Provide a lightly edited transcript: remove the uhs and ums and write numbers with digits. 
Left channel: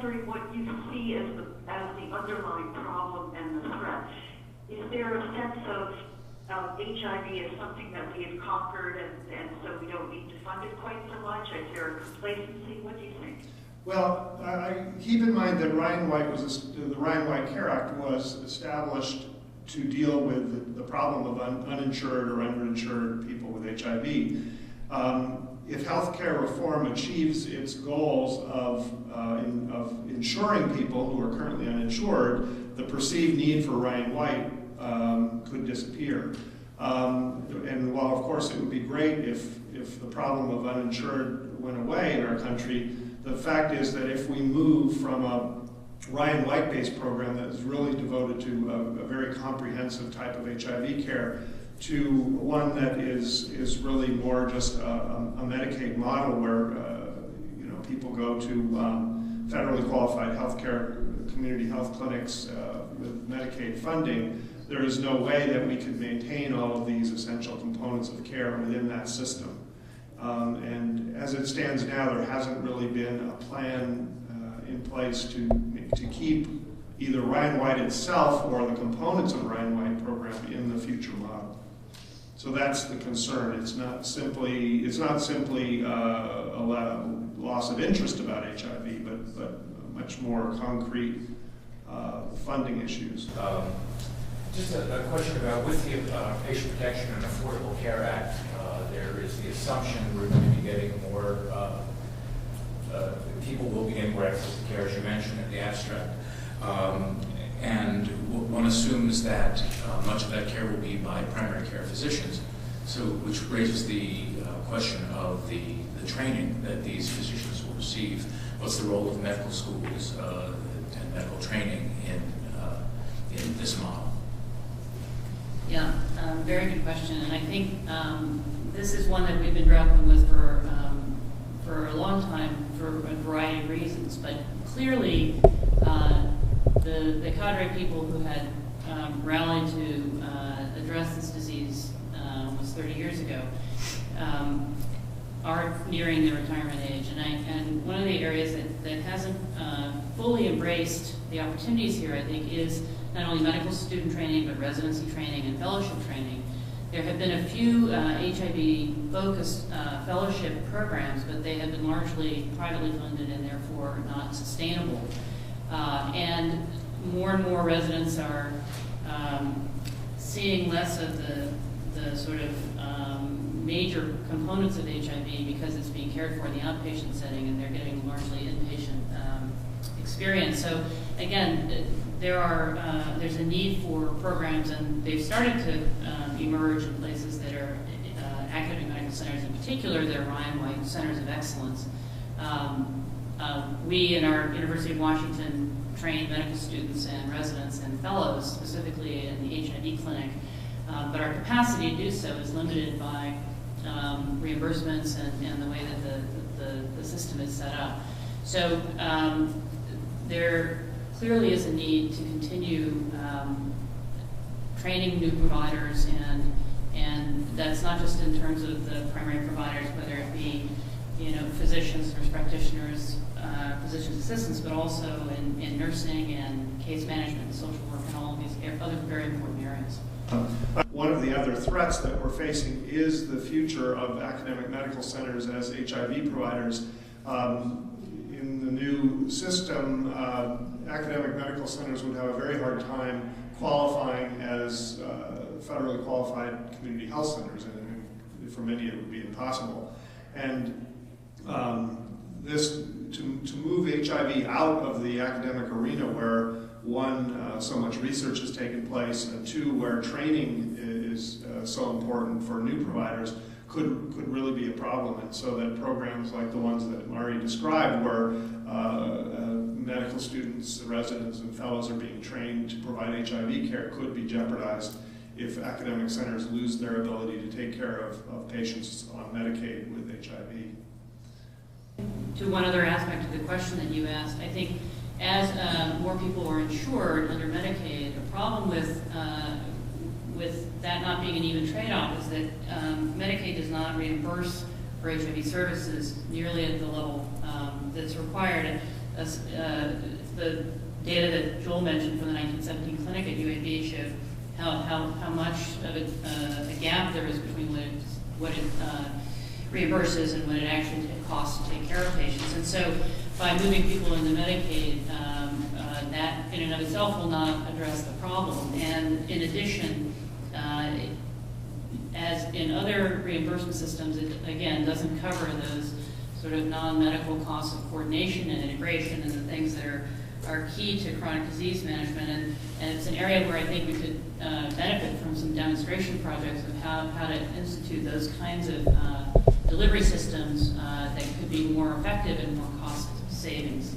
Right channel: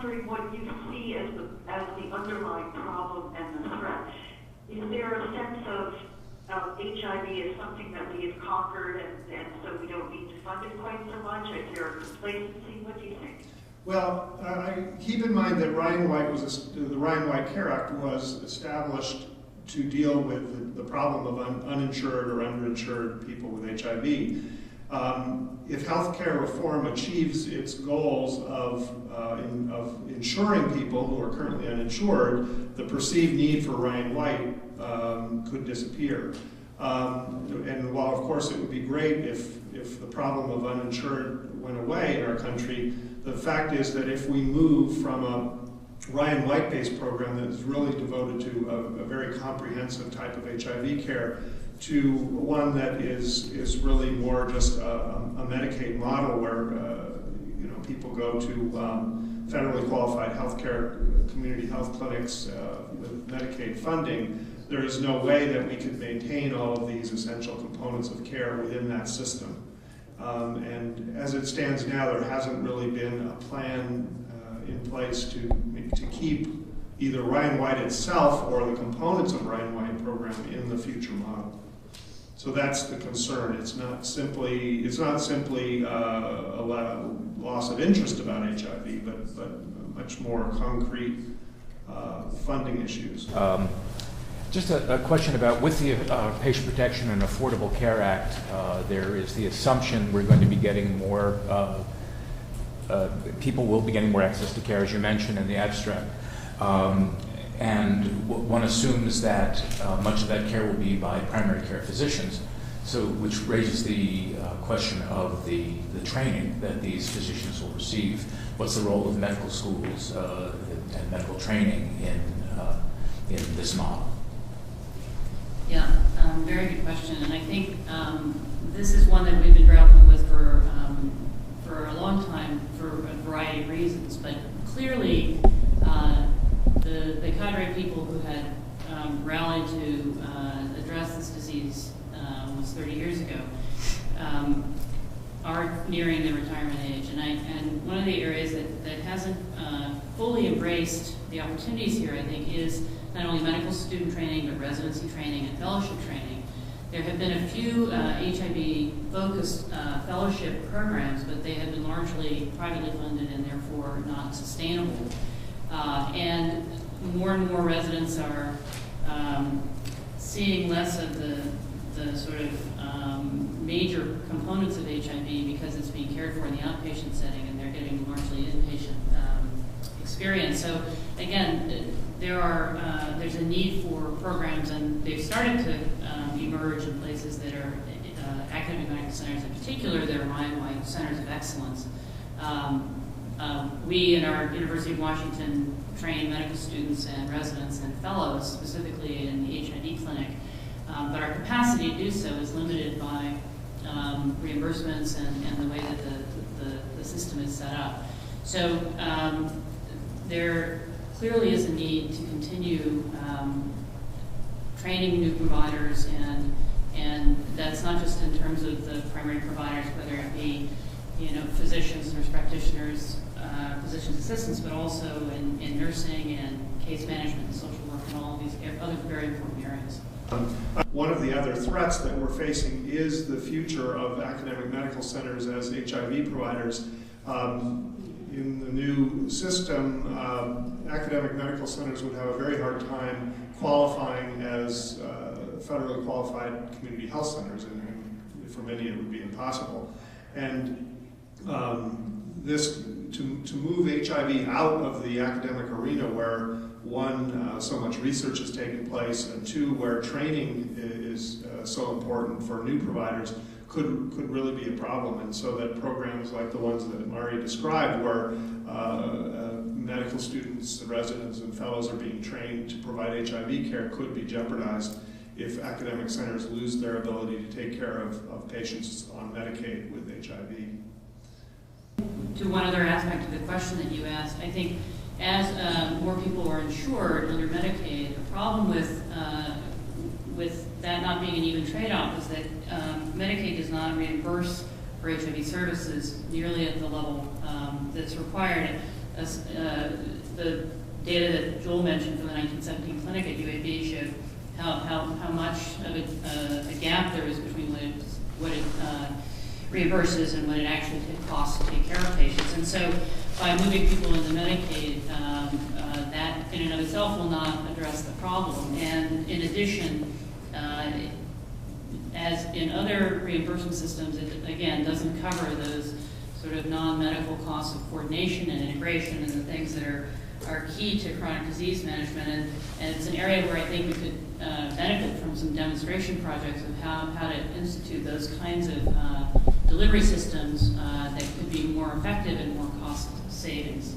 wondering what you see as the underlying problem and the threat. Is there a sense of HIV as something that we have conquered and so we don't need to fund it quite so much? Is there a complacency? What do you think? Well, keep in mind that the Ryan White Care Act was established to deal with the problem of uninsured or underinsured people with HIV. If healthcare reform achieves its goals of insuring people who are currently uninsured, the perceived need for Ryan White could disappear. And while of course it would be great if the problem of uninsured went away in our country, the fact is that if we move from a Ryan White-based program that is really devoted to a very comprehensive type of HIV care to one that is really more just a Medicaid model where people go to federally qualified healthcare community health clinics with Medicaid funding, there is no way that we could maintain all of these essential components of care within that system. And as it stands now, there hasn't really been a plan in place to keep either Ryan White itself or the components of Ryan White program in the future model. So that's the concern. It's not simply a loss of interest about HIV, but much more concrete funding issues. Just a question about, with the Patient Protection and Affordable Care Act, there is the assumption we're going to be getting more, people will be getting more access to care, as you mentioned in the abstract. And one assumes that much of that care will be by primary care physicians, so which raises the question of the training that these physicians will receive. What's the role of medical schools and medical training in this model? Yeah, very good question, and I think this is one that we've been grappling with for a long time for a variety of reasons. But clearly, the cadre of people who had rallied to address this disease almost 30 years ago are nearing their retirement age, and one of the areas that hasn't fully embraced the opportunities here, I think, is not only medical student training, but residency training and fellowship training. There have been a few HIV-focused fellowship programs, but they have been largely privately funded and therefore not sustainable. And more residents are seeing less of the sort of major components of HIV because it's being cared for in the outpatient setting, and they're getting largely inpatient experience. So again, there's a need for programs, and they've started to emerge in places that are academic medical centers. In particular, they're Ryan White centers of excellence. We in our University of Washington train medical students and residents and fellows, specifically in the HIV clinic, but our capacity to do so is limited by reimbursements and the way that the system is set up. So there clearly is a need to continue training new providers, and that's not just in terms of the primary providers, whether it be physicians, nurse practitioners, physician's assistants, but also in nursing and case management and social work and all of these other very important areas. One of the other threats that we're facing is the future of academic medical centers as HIV providers. In the new system, academic medical centers would have a very hard time qualifying as federally qualified community health centers, and for many it would be impossible. And to move HIV out of the academic arena, where one, so much research has taken place, and two, where training is so important for new providers, could really be a problem. And so that programs like the ones that Mari described, where medical students, residents, and fellows are being trained to provide HIV care, could be jeopardized if academic centers lose their ability to take care of patients on Medicaid with HIV. To one other aspect of the question that you asked, I think as more people are insured under Medicaid, a problem with that not being an even trade-off is that Medicaid does not reimburse for HIV services nearly at the level that's required. the data that Joel mentioned from the 1917 clinic at UAB showed how much of a gap there is between what it reimburses and what it actually costs to take care of patients. And so by moving people into Medicaid, that in and of itself will not address the problem. And in addition, as in other reimbursement systems, it again doesn't cover those sort of non-medical costs of coordination and integration and the things that are key to chronic disease management. And it's an area where I think we could benefit from some demonstration projects of how to institute those kinds of delivery systems that could be more effective and more cost savings.